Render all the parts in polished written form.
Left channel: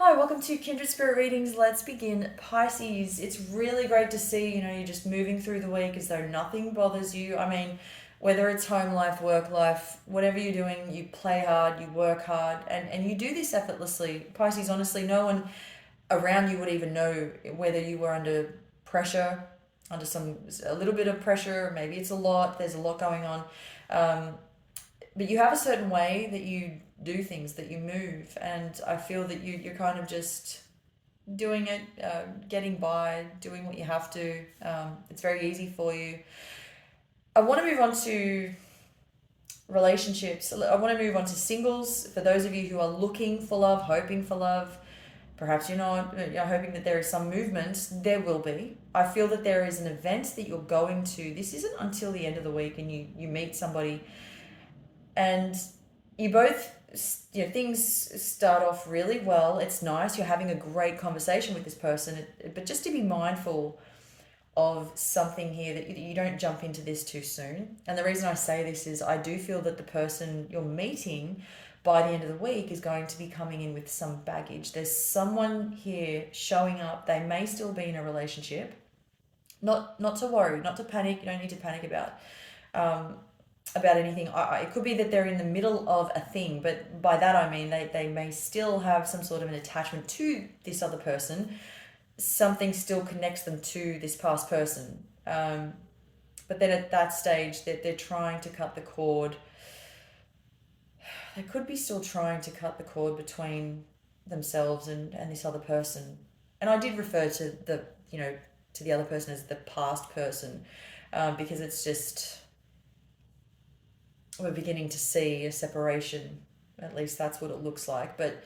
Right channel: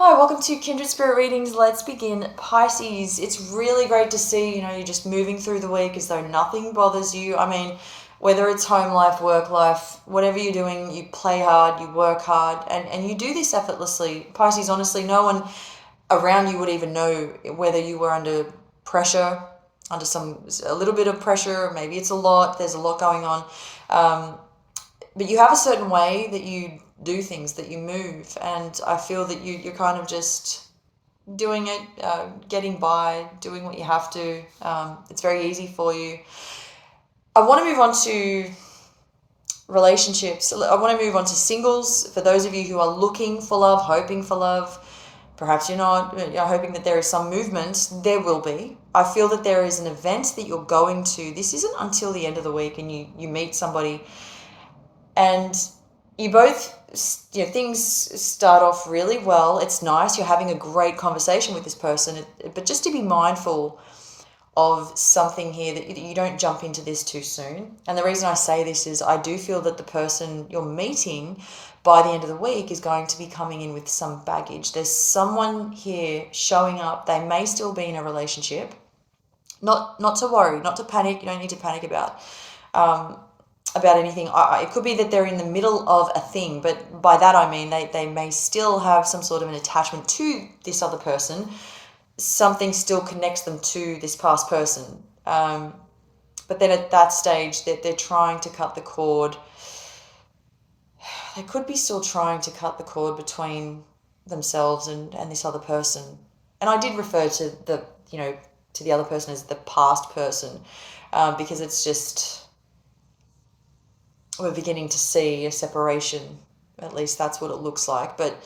Hi, welcome to Kindred Spirit Readings. Let's begin. Pisces, it's really great to see, you're just moving through the week as though nothing bothers you. I mean, whether it's home life, work life, whatever you're doing, you play hard, you work hard, and you do this effortlessly. Pisces, honestly, no one around you would even know whether you were under pressure, under a little bit of pressure, maybe it's a lot, there's a lot going on. Um, but you have a certain way that you do things, that you move, and I feel that you're kind of just doing it, getting by, doing what you have to. It's very easy for you. I want to move on to relationships. I want to move on to singles. For those of you who are looking for love, hoping for love, perhaps you're not, you're hoping that there is some movement, there will be. I feel that there is an event that you're going to. This isn't until the end of the week, and you meet somebody and you both, things start off really well. It's nice, you're having a great conversation with this person, but just to be mindful of something here, that you don't jump into this too soon. And the reason I say this is I do feel that the person you're meeting by the end of the week is going to be coming in with some baggage. There's someone here showing up. They may still be in a relationship. Not to worry, not to panic. You don't need to panic um, about anything. It could be that they're in the middle of a thing, but by that I mean they may still have some sort of an attachment to this other person. Something still connects them to this past person. But then at that stage, they're trying to cut the cord. They could be still trying to cut the cord between themselves and this other person. And I did refer to to the other person as the past person, because it's just, we're beginning to see a separation. At least that's what it looks like. But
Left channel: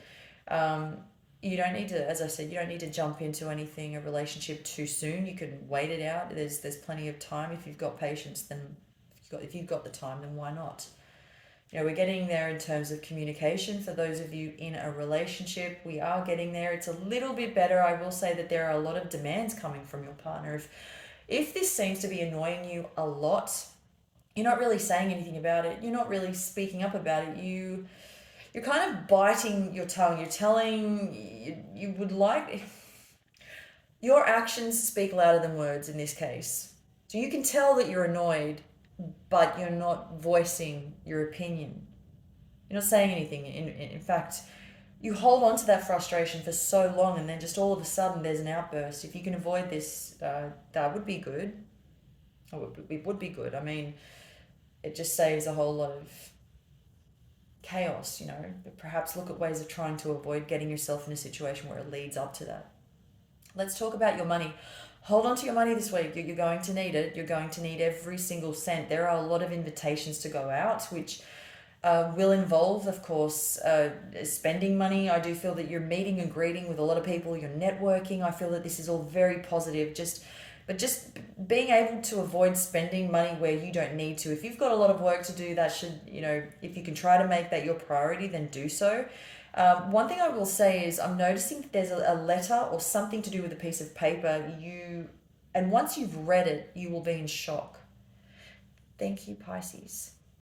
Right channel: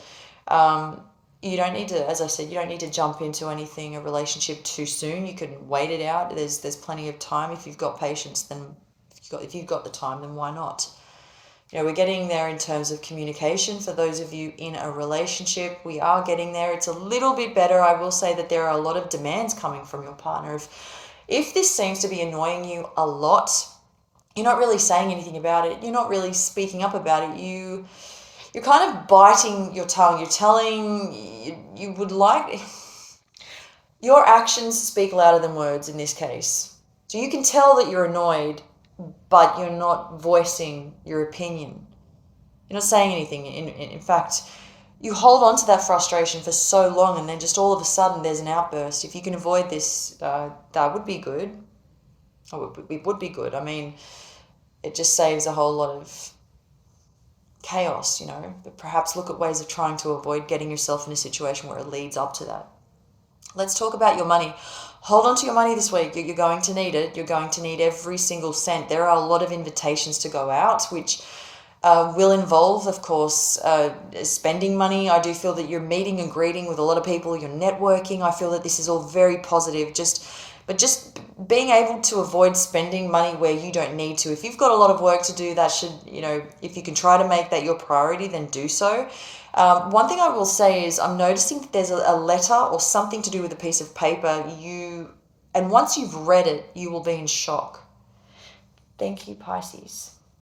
you don't need to, as I said, you don't need to jump into anything, a relationship, too soon. You can wait it out. There's plenty of time. If you've got patience, then if you've got the time, then why not? We're getting there in terms of communication. For those of you in a relationship, we are getting there. It's a little bit better. I will say that there are a lot of demands coming from your partner. If this seems to be annoying you a lot, you're not really saying anything about it. You're not really speaking up about it. You're kind of biting your tongue. You're telling, you would like, your actions speak louder than words in this case. So you can tell that you're annoyed, but you're not voicing your opinion. You're not saying anything. In fact, you hold on to that frustration for so long, and then just all of a sudden there's an outburst. If you can avoid this, that would be good. It would be good. I mean, it just saves a whole lot of chaos, but perhaps look at ways of trying to avoid getting yourself in a situation where it leads up to that. Let's talk about your money. Hold on to your money this week. You're going to need it. You're going to need every single cent. There are a lot of invitations to go out, which will involve, of course, spending money. I do feel that you're meeting and greeting with a lot of people. You're networking. I feel that this is all very positive. But just being able to avoid spending money where you don't need to. If you've got a lot of work to do, that should, if you can try to make that your priority, then do so. One thing I will say is I'm noticing that there's a letter or something to do with a piece of paper. And once you've read it, you will be in shock. Thank you, Pisces.